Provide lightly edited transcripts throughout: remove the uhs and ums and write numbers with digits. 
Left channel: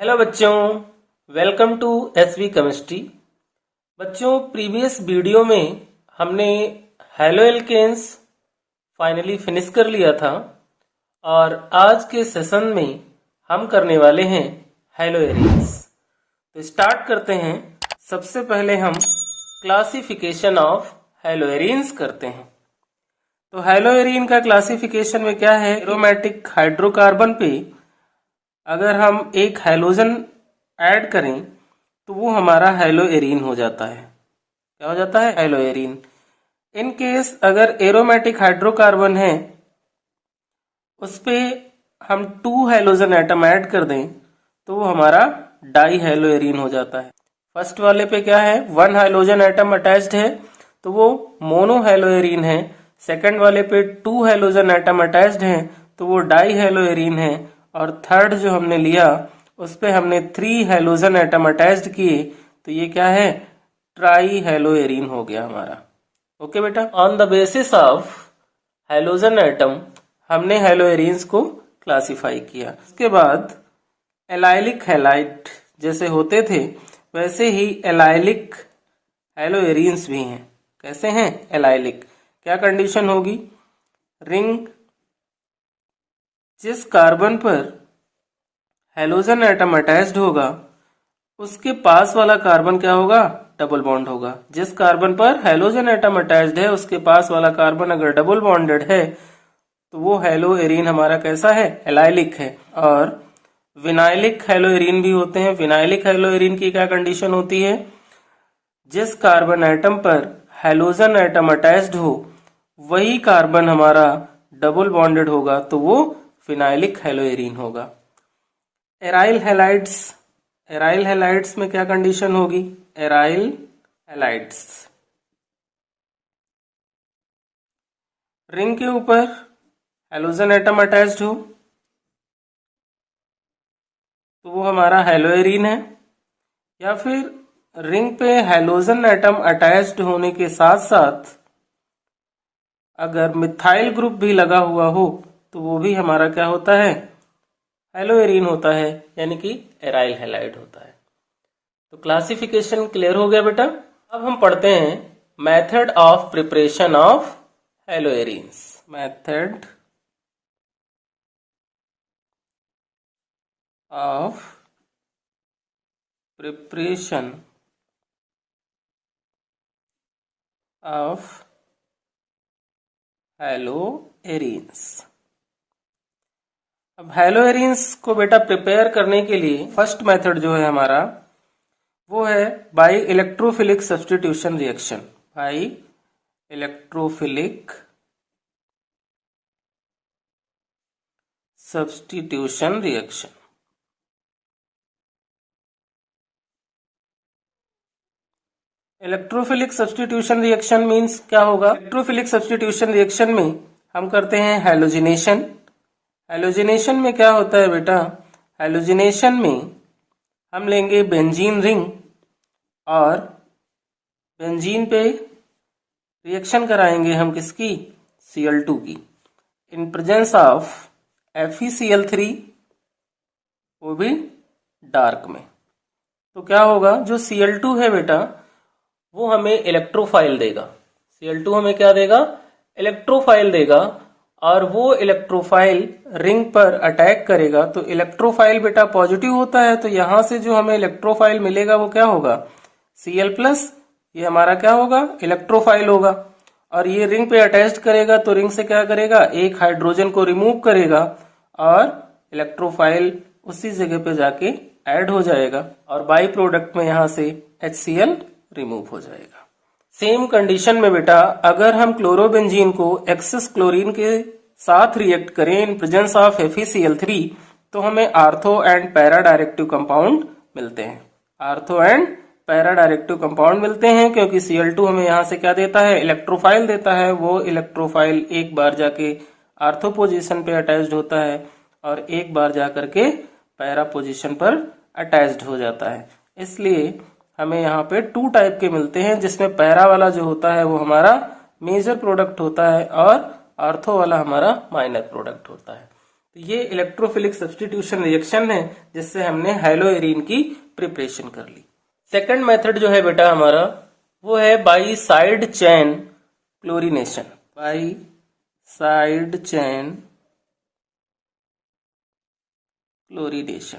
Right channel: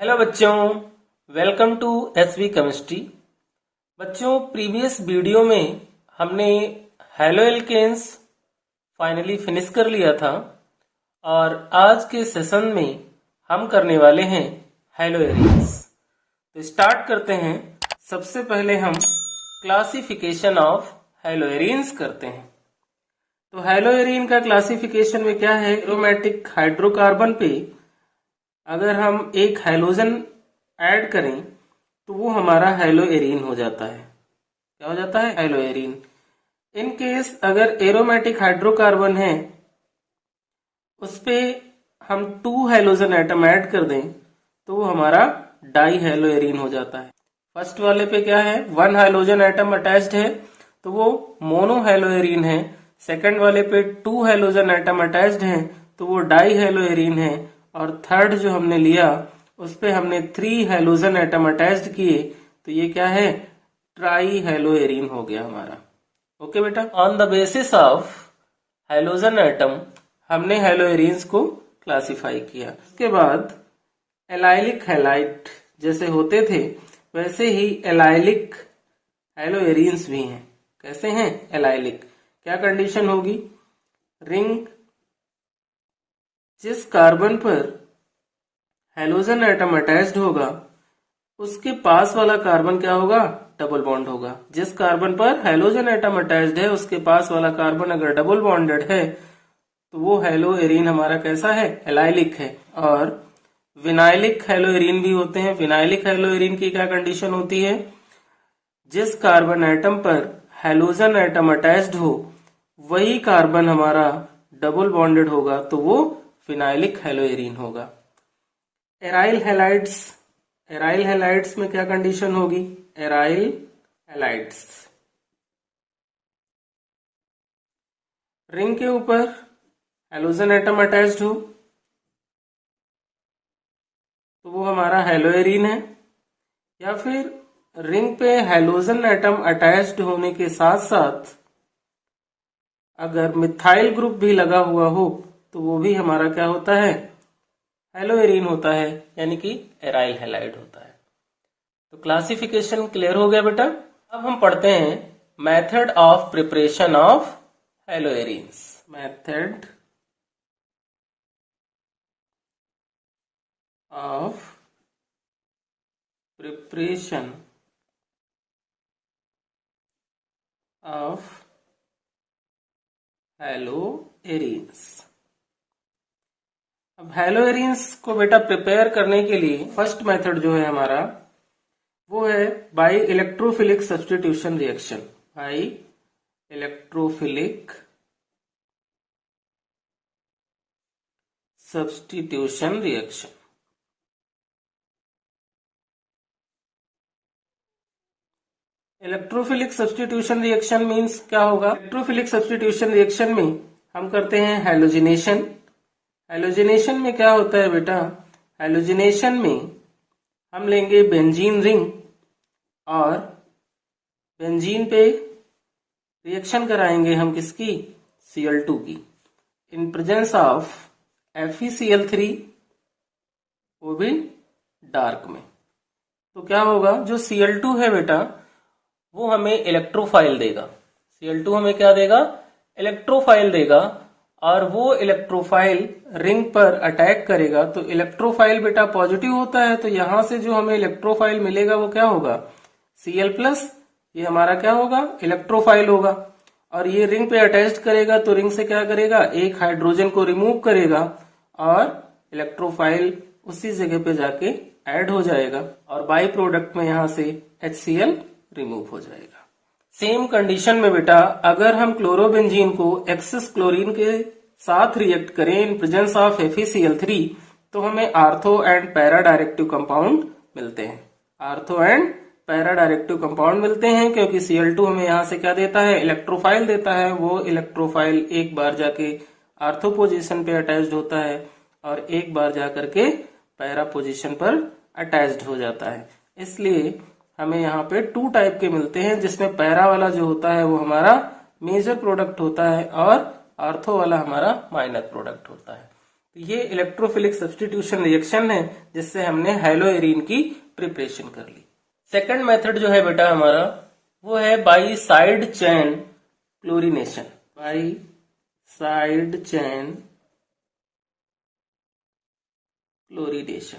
Hello बच्चों, welcome to SV chemistry. बच्चों, previous video में हमने हेलो एल्केन्स फाइनली फिनिश कर लिया था और आज के सेशन में हम करने वाले हैं हेलो एरीन्स। तो स्टार्ट करते हैं। सबसे पहले हम क्लासिफिकेशन ऑफ हेलो एरीन्स करते हैं। तो हेलो एरीन का क्लासिफिकेशन में क्या है, एरोमेटिक हाइड्रोकार्बन पे अगर हम एक हैलोजन ऐड करें तो वो हमारा हेलो एरीन हो जाता है। क्या हो जाता है? Hello arene. इन केस अगर एरोमेटिक हाइड्रोकार्बन है उस पे हम 2 हैलोजन एटम ऐड कर दें तो वो हमारा डाई हेलो एरीन हो जाता है। फर्स्ट वाले पे क्या है, 1 हैलोजन एटम अटैच्ड है तो वो मोनो हेलो एरीन है। सेकंड वाले पे 2 हैलोजन एटम अटैच्ड हैं तो वो डाई हेलो एरीन है। और थर्ड जो हमने लिया उस पे हमने 3 हैलोजन एटम अटैच्ड किए तो ये क्या है, ट्राई हेलो एरीन हो गया हमारा। ओके बेटा, on the basis of halogen atom हमने हेलो एरीन्स को क्लासिफाई किया। उसके बाद एलाइलिक हैलाइड जैसे होते थे वैसे ही एलाइलिक हेलो एरीन्स भी हैं। कैसे हैं? एलाइलिक। क्या कंडीशन होगी, रिंग जिस कार्बन पर हैलोजन एटम अटैच्ड होगा उसके पास वाला कार्बन क्या होगा, डबल बॉन्ड होगा। जिस कार्बन पर हैलोजन एटम अटैच्ड है उसके पास वाला कार्बन अगर डबल बॉन्डेड है तो वो हेलो एरीन हमारा कैसा है, एलाइलिक है। और विनाइलिक हेलो एरीन भी होते हैं। विनाइलिक हेलो एरीन की क्या कंडीशन होती है, जिस कार्बन एटम पर हैलोजन एटम अटैच्ड हो वही कार्बन हमारा डबल बॉन्डेड होगा तो वो फिनाइलिक हेलो एरीन होगा। एराइल हैलाइड्स, एराइल हैलाइड्स में क्या कंडीशन होगी, एराइल हैलाइड्स रिंग के ऊपर हैलोजन एटम अटैच्ड हो तो वो हमारा हेलो एरीन है। या फिर रिंग पे हैलोजन एटम अटैच्ड होने के साथ साथ अगर मिथाइल ग्रुप भी लगा हुआ हो तो वो भी हमारा क्या होता है, हेलो एरीन होता है, यानी कि एराइल हैलाइड होता है। तो क्लासिफिकेशन क्लियर हो गया बेटा। अब हम पढ़ते हैं method of preparation of hello arenes. Method of preparation of hello arenes. अब हेलो एरीन्स को बेटा प्रिपेयर करने के लिए फर्स्ट मेथड जो है हमारा वो है by electrophilic substitution reaction. By electrophilic substitution reaction. Electrophilic substitution reaction means क्या होगा, इलेक्ट्रोफिलिक सब्स्टिट्यूशन रिएक्शन में हम करते हैं हैलोजिनेशन। हैलोजिनेशन में क्या होता है बेटा, हैलोजिनेशन में हम लेंगे बेंजीन रिंग और बेंजीन पे रिएक्शन कराएंगे हम किसकी, Cl2 की, इन प्रेजेंस ऑफ FeCl3, वो भी डार्क में। तो क्या होगा, जो Cl2 है बेटा वो हमें इलेक्ट्रोफाइल देगा। Cl2 हमें क्या देगा, इलेक्ट्रोफाइल देगा। और वो इलेक्ट्रोफाइल रिंग पर अटैक करेगा तो इलेक्ट्रोफाइल बेटा पॉजिटिव होता है तो यहां से जो हमें इलेक्ट्रोफाइल मिलेगा वो क्या होगा, Cl+। ये हमारा क्या होगा, इलेक्ट्रोफाइल होगा। और ये रिंग पे अटैच करेगा तो रिंग से क्या करेगा, एक हाइड्रोजन को रिमूव करेगा और इलेक्ट्रोफाइल उसी जगह पे जाके ऐड हो जाएगा और बाई प्रोडक्ट में यहां से HCl रिमूव हो जाएगा। सेम कंडीशन में बेटा अगर हम क्लोरोबेंजीन को एक्सेस क्लोरीन के साथ रिएक्ट करें इन प्रेजेंस ऑफ FeCl3 तो हमें ortho and para directive compound मिलते हैं। Ortho and para directive compound मिलते हैं क्योंकि Cl2 हमें यहां से क्या देता है, इलेक्ट्रोफाइल देता है। वो इलेक्ट्रोफाइल एक बार जाके आर्थो पोजीशन पे अटैच्ड होता है और एक बार जाकर के पैरा पोजीशन पर अटैच्ड हो जाता है। इसलिए हमें यहाँ पे 2 टाइप के मिलते हैं जिसमें पैरा वाला जो होता है वो हमारा मेजर प्रोडक्ट होता है और आर्थो वाला हमारा माइनर प्रोडक्ट होता है। तो ये इलेक्ट्रोफिलिक सब्स्टिट्यूशन रिएक्शन है जिससे हमने हैलोएरिन की प्रिपरेशन कर ली। सेकंड मेथड जो है बेटा हमारा वो है by side chain chlorination. By side chain chlorination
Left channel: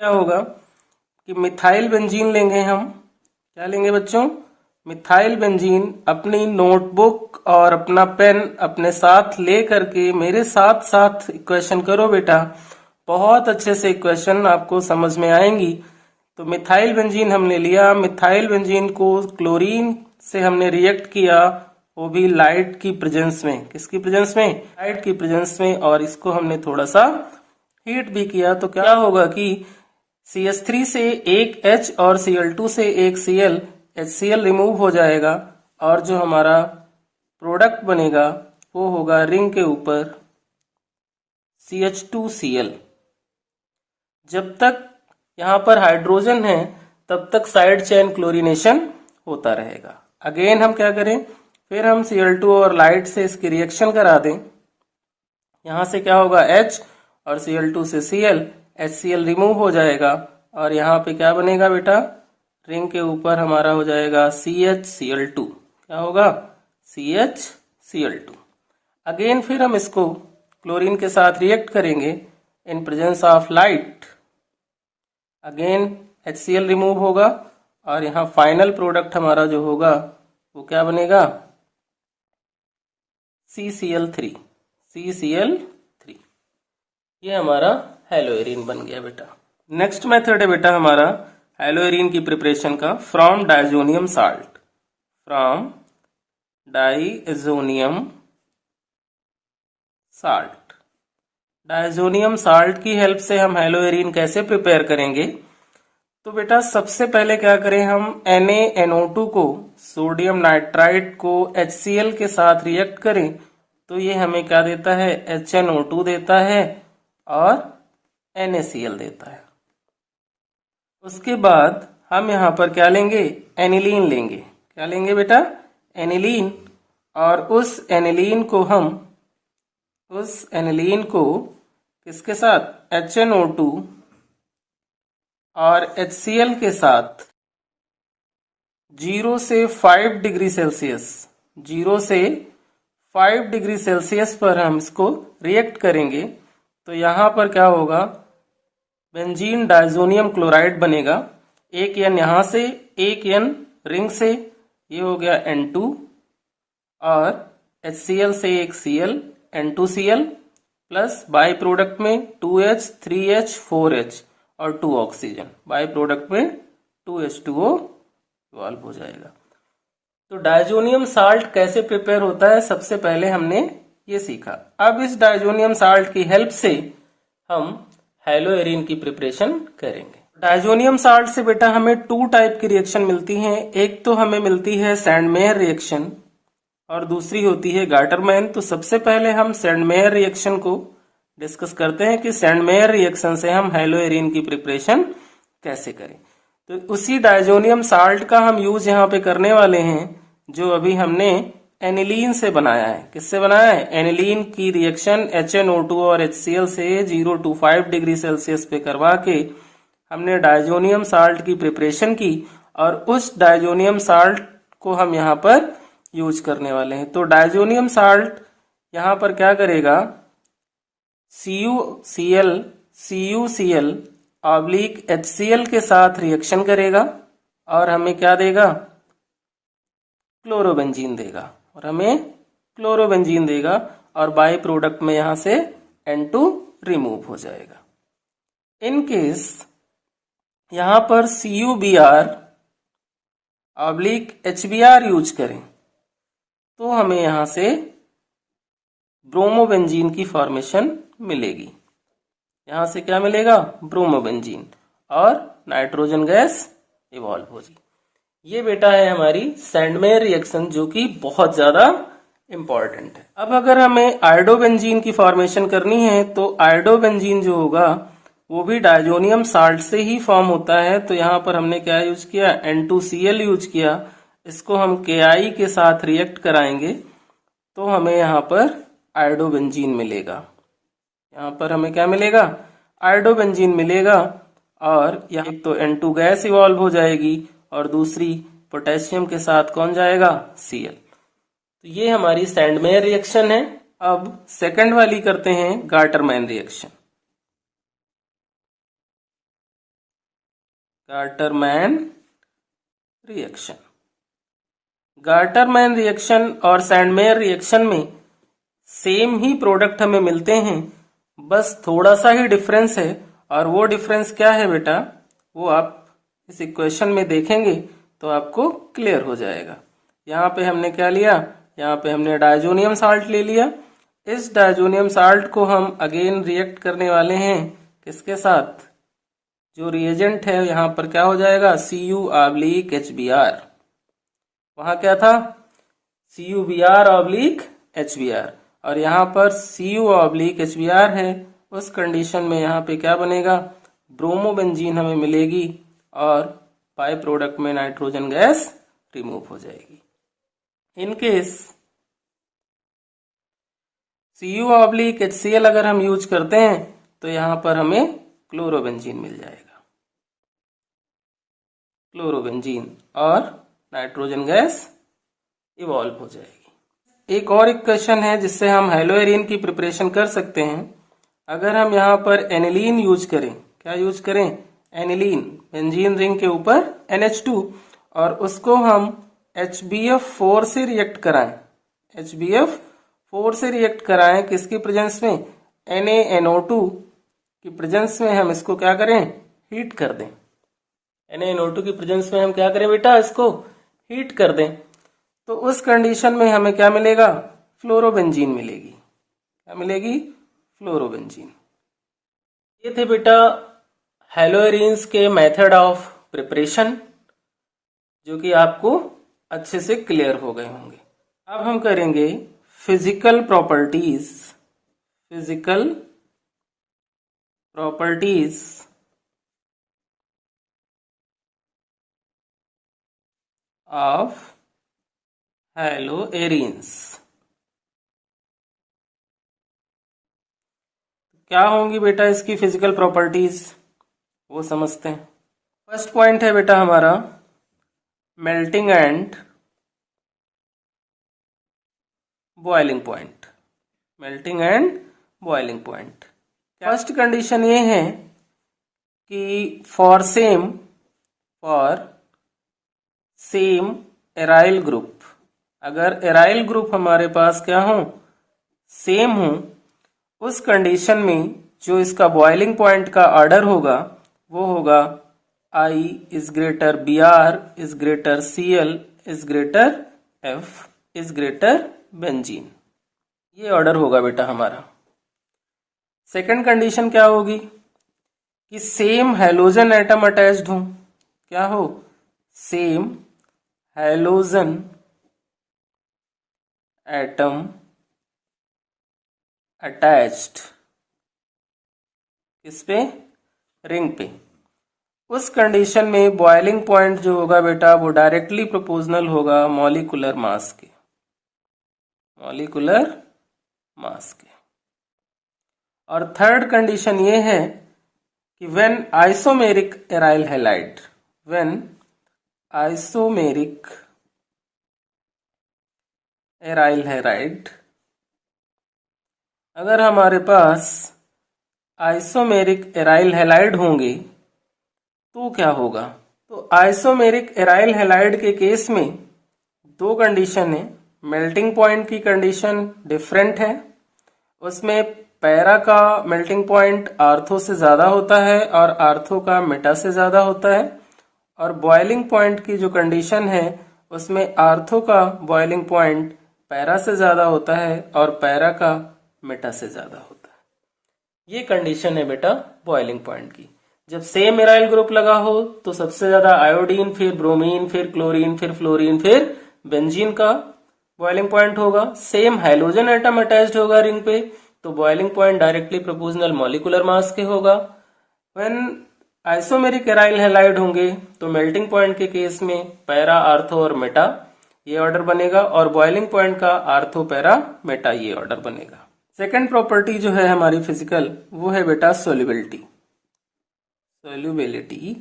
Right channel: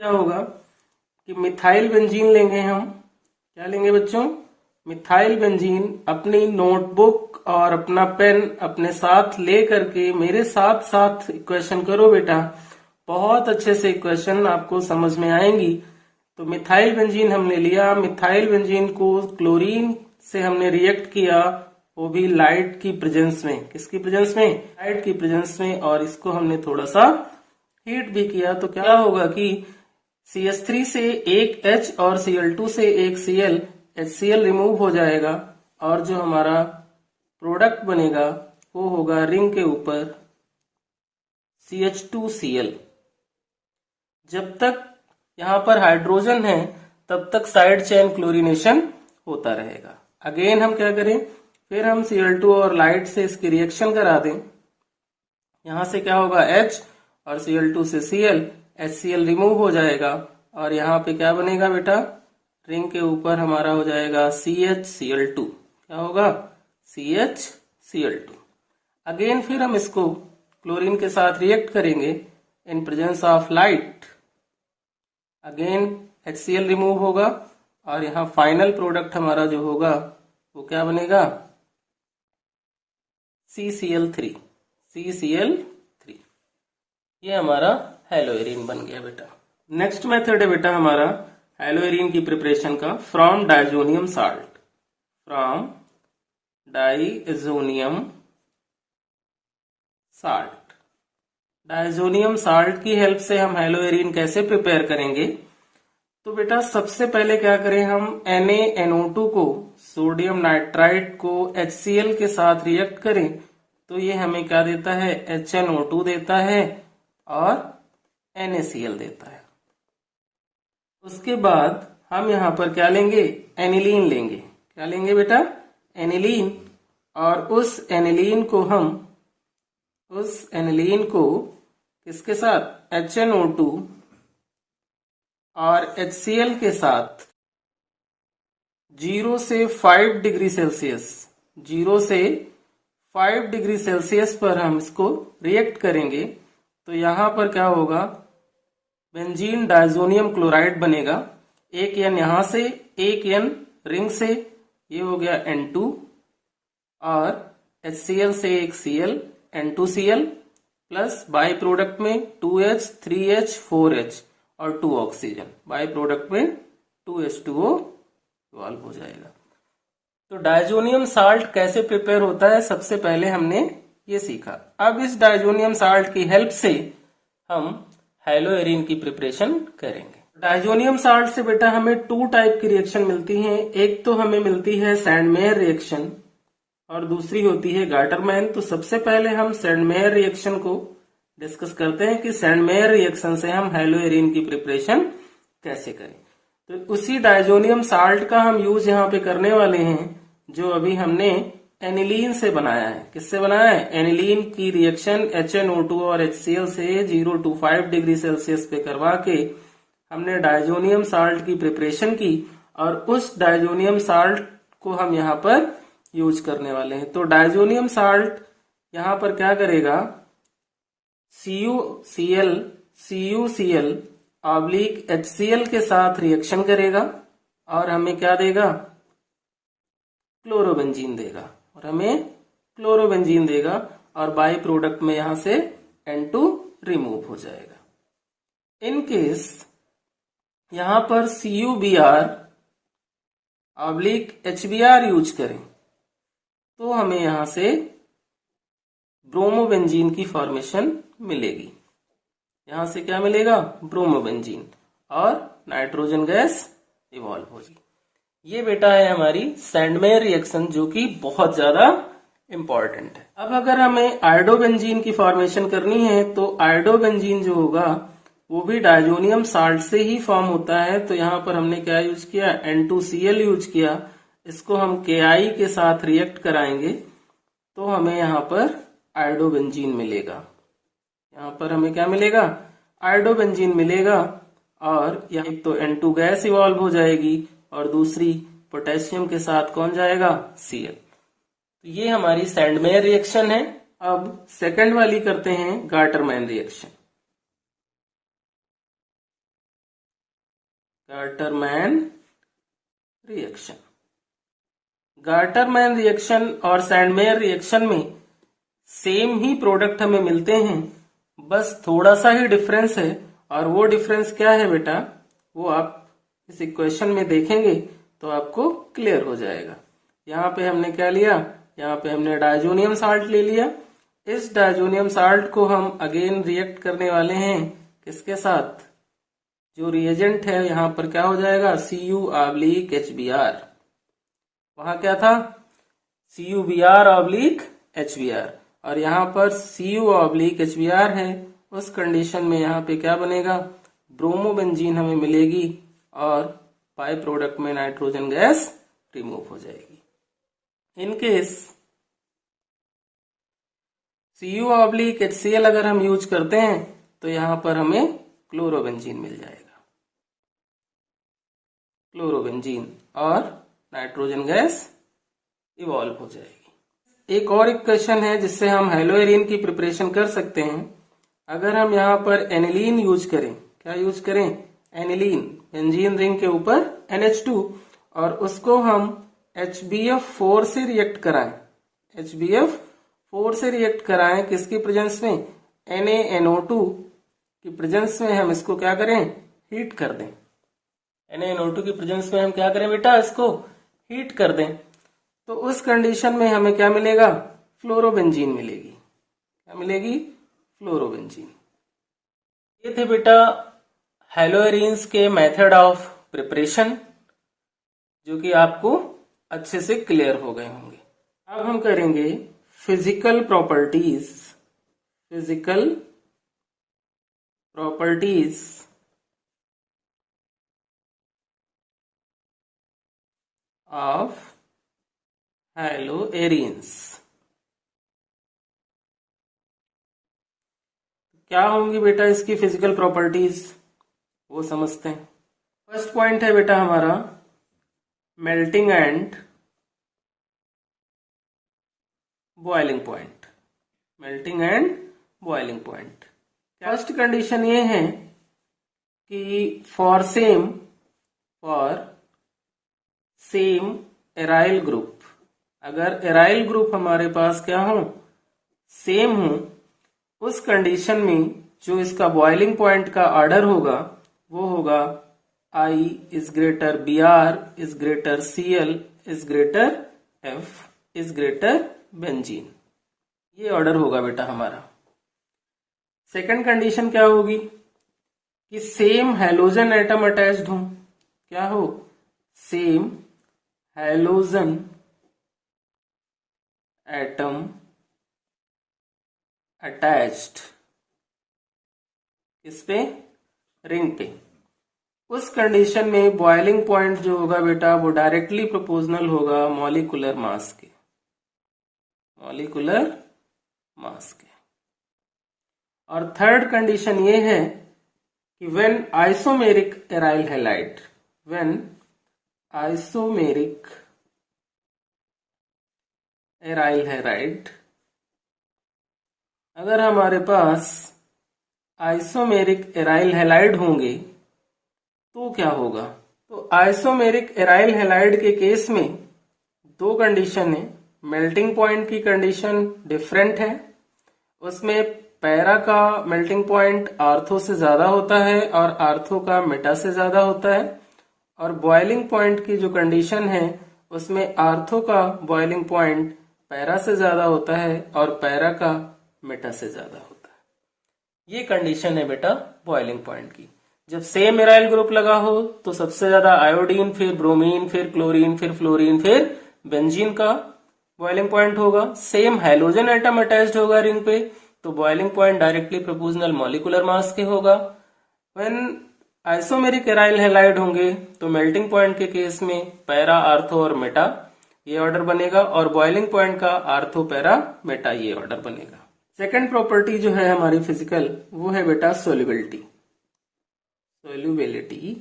क्या होगा कि मिथाइल बेंजीन लेंगे हम। क्या लेंगे बच्चों? Methyl benzene. अपनी नोटबुक और अपना पेन अपने साथ ले करके मेरे साथ साथ इक्वेशन करो बेटा, बहुत अच्छे से इक्वेशन आपको समझ में आएंगी। तो मिथाइल बेंजीन हमने लिया, मिथाइल बेंजीन को क्लोरीन से हमने रिएक्ट किया, वो भी लाइट की प्रेजेंस में। किसकी प्रेजेंस में? लाइट की प्रेजेंस में। और इसको हमने थोड़ा सा हीट भी किया। तो क्या होगा कि CH3 से एक H और Cl2 से एक Cl, HCl रिमूव हो जाएगा और जो हमारा प्रोडक्ट बनेगा वो होगा रिंग के ऊपर CH2Cl। जब तक यहाँ पर हाइड्रोजन है तब तक साइड चेन क्लोरीनेशन होता रहेगा। अगेन हम क्या करें, फिर हम Cl2 और लाइट से इसकी रिएक्शन करा दें। यहाँ से क्या होगा, H और Cl2 से Cl, HCl रिमूव हो जाएगा और यहाँ पे क्या बनेगा बेटा, रिंग के ऊपर हमारा हो जाएगा CHCl2। क्या होगा? CHCl2। अगेन फिर हम इसको क्लोरीन के साथ रिएक्ट करेंगे in presence of light. Again HCl remove होगा और यहाँ फाइनल प्रोडक्ट हमारा जो होगा वो क्या बनेगा, CCl3। CCl3 ये हमारा हैलोएरिन बन गया बेटा। नेक्स्ट मेथड है बेटा हमारा हैलोएरिन की प्रिपरेशन का, from diazonium salt. From diazonium salt. Diazonium salt की हेल्प से हम हैलोएरिन कैसे प्रिपेयर करेंगे? तो बेटा सबसे पहले क्या करें, हम NaNO2 को, सोडियम नाइट्राइट को HCl के साथ रिएक्ट करें तो ये हमें क्या देता है, HNO2 देता है और NaCl देता है। उसके बाद हम यहाँ पर क्या लेंगे, एनिलीन लेंगे। क्या लेंगे बेटा, एनिलीन। और उस एनिलीन को किसके साथ, HNO2 और HCl के साथ 0 से 5 डिग्री सेल्सियस, 0 से 5 डिग्री सेल्सियस पर हम इसको रिएक्ट करेंगे। तो यहाँ पर क्या होगा, बेंजीन डायजोनियम क्लोराइड बनेगा। एक N यहाँ से, एक N रिंग से, ये हो गया N2 और HCl से एक Cl, N2Cl plus by product में 2H, 3H, 4H और 2 ऑक्सीजन। बाई प्रोडक्ट में 2H2O इवॉल्व हो जाएगा। तो डायजोनियम साल्ट कैसे प्रिपेयर होता है, सबसे पहले हमने ये सीखा। अब इस डायजोनियम साल्ट की हेल्प से हम हैलोएरिन की प्रिपरेशन करेंगे। डायजोनियम साल्ट से बेटा हमें 2 टाइप की रिएक्शन मिलती हैं। एक तो हमें मिलती है सैंडमेयर रिएक्शन और दूसरी होती है गाटरमैन। तो सबसे पहले हम सैंडमेयर रिएक्शन को डिस्कस करते हैं कि सैंडमेयर रिएक्शन से हम हैलोएरिन की प्रिपरेशन कैसे करें। तो उसी डायजोनियम साल्ट का हम यूज यहाँ पे करने वाले हैं जो अभी हमने एनिलीन से बनाया है। किससे बनाया है, एनिलीन की रिएक्शन HNO2 और HCl से 0 to 5 डिग्री सेल्सियस पे करवा के हमने डायजोनियम साल्ट की प्रिपरेशन की और उस डायजोनियम साल्ट को हम यहाँ पर यूज करने वाले हैं। तो डायजोनियम साल्ट यहाँ पर क्या करेगा, CuCl ऑब्लिक HCl के साथ रिएक्शन करेगा और हमें क्या देगा, क्लोरोबेंजीन देगा। और बाई प्रोडक्ट में यहां से N2 रिमूव हो जाएगा। इन केस यहां पर CuBr ऑब्लिक HBr यूज करें तो हमें यहां से ब्रोमोबेंजीन की फॉर्मेशन मिलेगी। यहां से क्या मिलेगा, ब्रोमोबेंजीन और नाइट्रोजन गैस इवॉल्व होगी। ये बेटा है हमारी सैंडमेयर रिएक्शन जो कि बहुत ज्यादा इंपॉर्टेंट है। अब अगर हमें आयोडोबेंजीन की फॉर्मेशन करनी है तो आयोडोबेंजीन जो होगा वो भी डायजोनियम साल्ट से ही फॉर्म होता है। तो यहाँ पर हमने क्या यूज किया, N2Cl यूज किया। इसको हम Ki के साथ रिएक्ट कराएंगे तो हमें यहाँ पर आयोडोबेंजीन मिलेगा। यहाँ पर हमें क्या मिलेगा? आयोडोबेंजीन मिलेगा। और यहाँ एक तो N2 गैस इवॉल्व हो जाएगी और दूसरी पोटेशियम के साथ कौन जाएगा? Cl। तो ये हमारी सैंडमेयर रिएक्शन है। अब सेकंड वाली करते हैं गार्टरमैन रिएक्शन। गार्टरमैन रिएक्शन, गार्टरमैन रिएक्शन और सैंडमेयर रिएक्शन में सेम ही प्रोडक्ट हमें मिलते हैं, बस थोड़ा सा ही डिफरेंस है। और वो डिफरेंस क्या है बेटा, वो आप इस इक्वेशन में देखेंगे तो आपको क्लियर हो जाएगा। यहाँ पे हमने क्या लिया? यहाँ पे हमने डायजोनियम साल्ट ले लिया। इस डायजोनियम साल्ट को हम अगेन रिएक्ट करने वाले हैं किसके साथ? जो रिएजेंट है यहाँ पर क्या हो जाएगा? Cu/HBr। वहां क्या था? CuBr/HBr। और यहाँ पर Cu/HBr है। उस कंडीशन में यहाँ पे क्या बनेगा? ब्रोमोबेंजीन हमें मिलेगी और बाय प्रोडक्ट में नाइट्रोजन गैस रिमूव हो जाएगी। इन केस Cu/HCl अगर हम यूज करते हैं तो यहाँ पर हमें क्लोरोबेंजीन मिल जाएगा। क्लोरोबेंजीन और नाइट्रोजन गैस इवॉल्व हो जाएगी। एक और इक्वेशन है जिससे हम हेलोएरिन की प्रिपरेशन कर सकते हैं। अगर हम यहाँ पर एनिलीन यूज करें, क्या यूज करें? एनिलीन, बेंजीन रिंग के ऊपर NH2, और उसको हम HBF4 से रिएक्ट कराएं। HBF4 से रिएक्ट कराएं किसकी प्रेजेंस में? NaNO2 की प्रेजेंस में हम इसको क्या करें? हीट कर दें। NaNO2 की प्रेजेंस में हम क्या करें बेटा? इसको हीट कर दें। तो उस कंडीशन में हमें क्या मिलेगा? फ्लोरोबेंजीन मिलेगी। क्या मिलेगी? फ्लोरोबेंजीन। ये थे बेटा हेलोएरिन्स के मेथड ऑफ प्रिपरेशन, जो कि आपको अच्छे से क्लियर हो गए होंगे। अब हम करेंगे physical properties. Physical properties of हेलोएरिन्स। क्या होंगी बेटा इसकी फिजिकल प्रॉपर्टीज, वो समझते हैं। फर्स्ट पॉइंट है बेटा हमारा melting and boiling point. Melting and boiling point. First condition ये है कि फॉर सेम एराइल ग्रुप, अगर एराइल ग्रुप हमारे पास क्या हो? सेम हो, उस कंडीशन में जो इसका बॉइलिंग पॉइंट का ऑर्डर होगा वो होगा I is greater Br is greater Cl is greater F is greater benzene. ये ऑर्डर होगा बेटा हमारा। सेकंड कंडीशन क्या होगी? कि सेम हैलोजन एटम अटैच्ड हो। क्या हो? सेम हैलोजन एटम अटैच्ड किस पे? रिंग पे। उस कंडीशन में बॉइलिंग पॉइंट जो होगा बेटा वो डायरेक्टली प्रोपोर्शनल होगा मॉलिक्यूलर मास के। मॉलिक्यूलर मास के। और थर्ड कंडीशन ये है कि when isomeric aryl halide, when isomeric aryl halide, अगर हमारे पास आइसोमेरिक एराइल हैलाइड होंगे तो क्या होगा? तो आइसोमेरिक एराइल हैलाइड के केस में दो कंडीशन है। मेल्टिंग पॉइंट की कंडीशन डिफरेंट है। उसमें पैरा का मेल्टिंग पॉइंट आर्थो से ज्यादा होता है और आर्थो का मेटा से ज्यादा होता है। और बॉइलिंग पॉइंट की जो कंडीशन है उसमें आर्थो का बॉइलिंग पॉइंट पैरा से ज्यादा होता है और पैरा का मेटा से ज्यादा होता है। ये कंडीशन है बेटा बॉइलिंग पॉइंट की। जब सेम एराइल ग्रुप लगा हो तो सबसे ज्यादा आयोडीन, फिर ब्रोमीन, फिर क्लोरीन, फिर फ्लोरीन, फिर बेंजीन का बॉइलिंग पॉइंट होगा। सेम हाइड्रोजन एटम अटैच्ड होगा रिंग पे तो boiling point directly proportional molecular mass के होगा। व्हेन आइसोमेरिक एराइल हैलाइड होंगे तो मेल्टिंग पॉइंट के केस में पैरा, आर्थो और मेटा ये ऑर्डर बनेगा, और बॉइलिंग पॉइंट का आर्थो पैरा मेटा ये ऑर्डर बनेगा। सेकेंड प्रॉपर्टी जो है हमारी फिजिकल, वो है बेटा सोल्युबिलिटी। सोल्युबिलिटी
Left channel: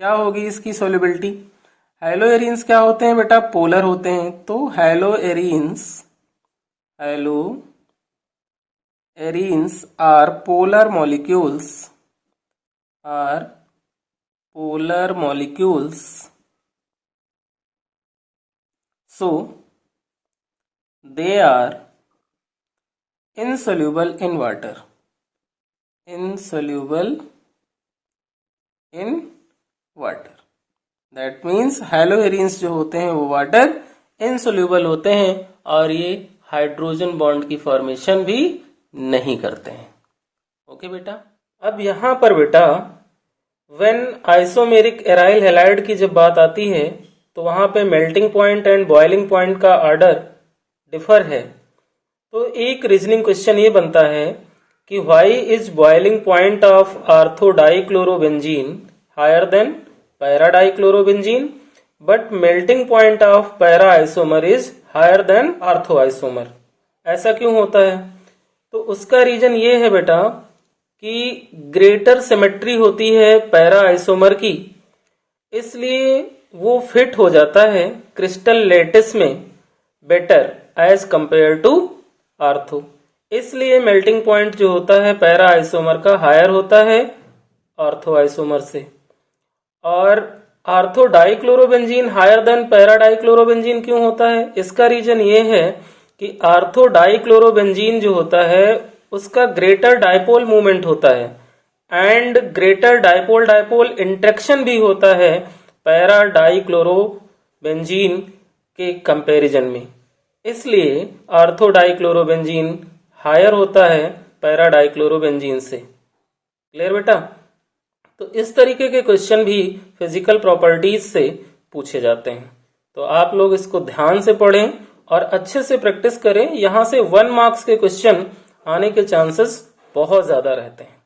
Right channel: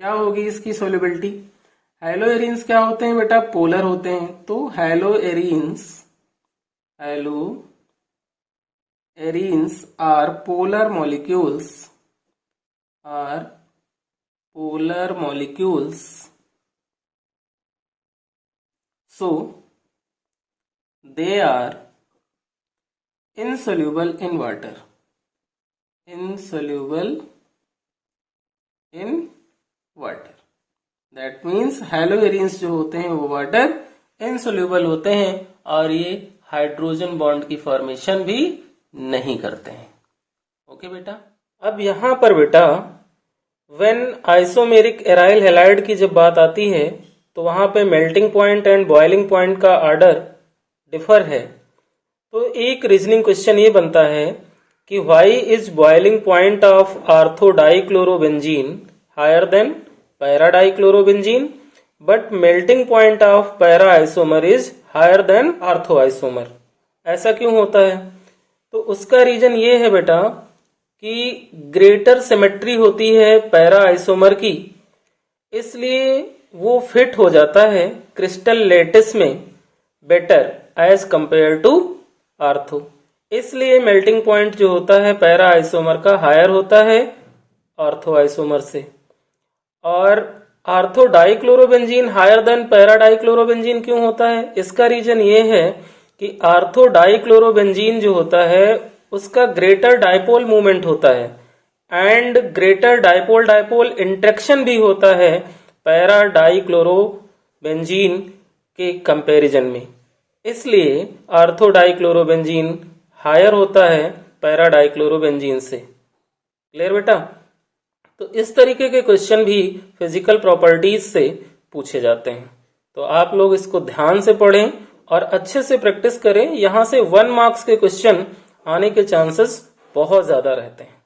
क्या होगी इसकी सोल्युबिलिटी? हैलो एरिन्स क्या होते हैं बेटा? पोलर होते हैं। तो haloarenes are polar molecules, so they are insoluble in water, that means haloarenes जो होते हैं वो वाटर इनसोल्यूबल होते हैं, और ये हाइड्रोजन बॉन्ड की फॉर्मेशन भी नहीं करते हैं। ओके बेटा, अब यहां पर बेटा व्हेन आइसोमेरिक एराइल हैलाइड की जब बात आती है तो वहां पे melting point and boiling point का ऑर्डर डिफर है। तो एक रीजनिंग क्वेश्चन ये बनता है कि why is boiling point of ortho dichlorobenzene higher than para dichlorobenzene but melting point of para isomer is higher than ortho isomer. ऐसा क्यों होता है? तो उसका रीजन ये है बेटा कि ग्रेटर सिमेट्री होती है पैरा आइसोमर की, इसलिए वो फिट हो जाता है क्रिस्टल लेटिस में better as compare to ortho. इसलिए मेल्टिंग पॉइंट जो होता है पैरा आइसोमर का हायर होता है आर्थो आइसोमर से। और ortho dichlorobenzene higher than para dichlorobenzene क्यों होता है? इसका रीजन ये है कि आर्थो डाइक्लोरोबेंजीन जो होता है उसका ग्रेटर डाइपोल मूवमेंट होता है and greater dipole dipole interaction भी होता है पैरा डाइक्लोरोबेंजीन के कंपैरिजन में, इसलिए आर्थो डाइक्लोरोबेंजीन हायर होता है पैरा डाइक्लोरोबेंजीन से। क्लियर बेटा? तो इस तरीके के क्वेश्चन भी फिजिकल प्रॉपर्टीज से पूछे जाते हैं। तो आप लोग इसको ध्यान से पढ़ें और अच्छे से प्रैक्टिस करें। यहां से 1 मार्क्स के क्वेश्चन आने के चांसेस बहुत ज्यादा रहते हैं।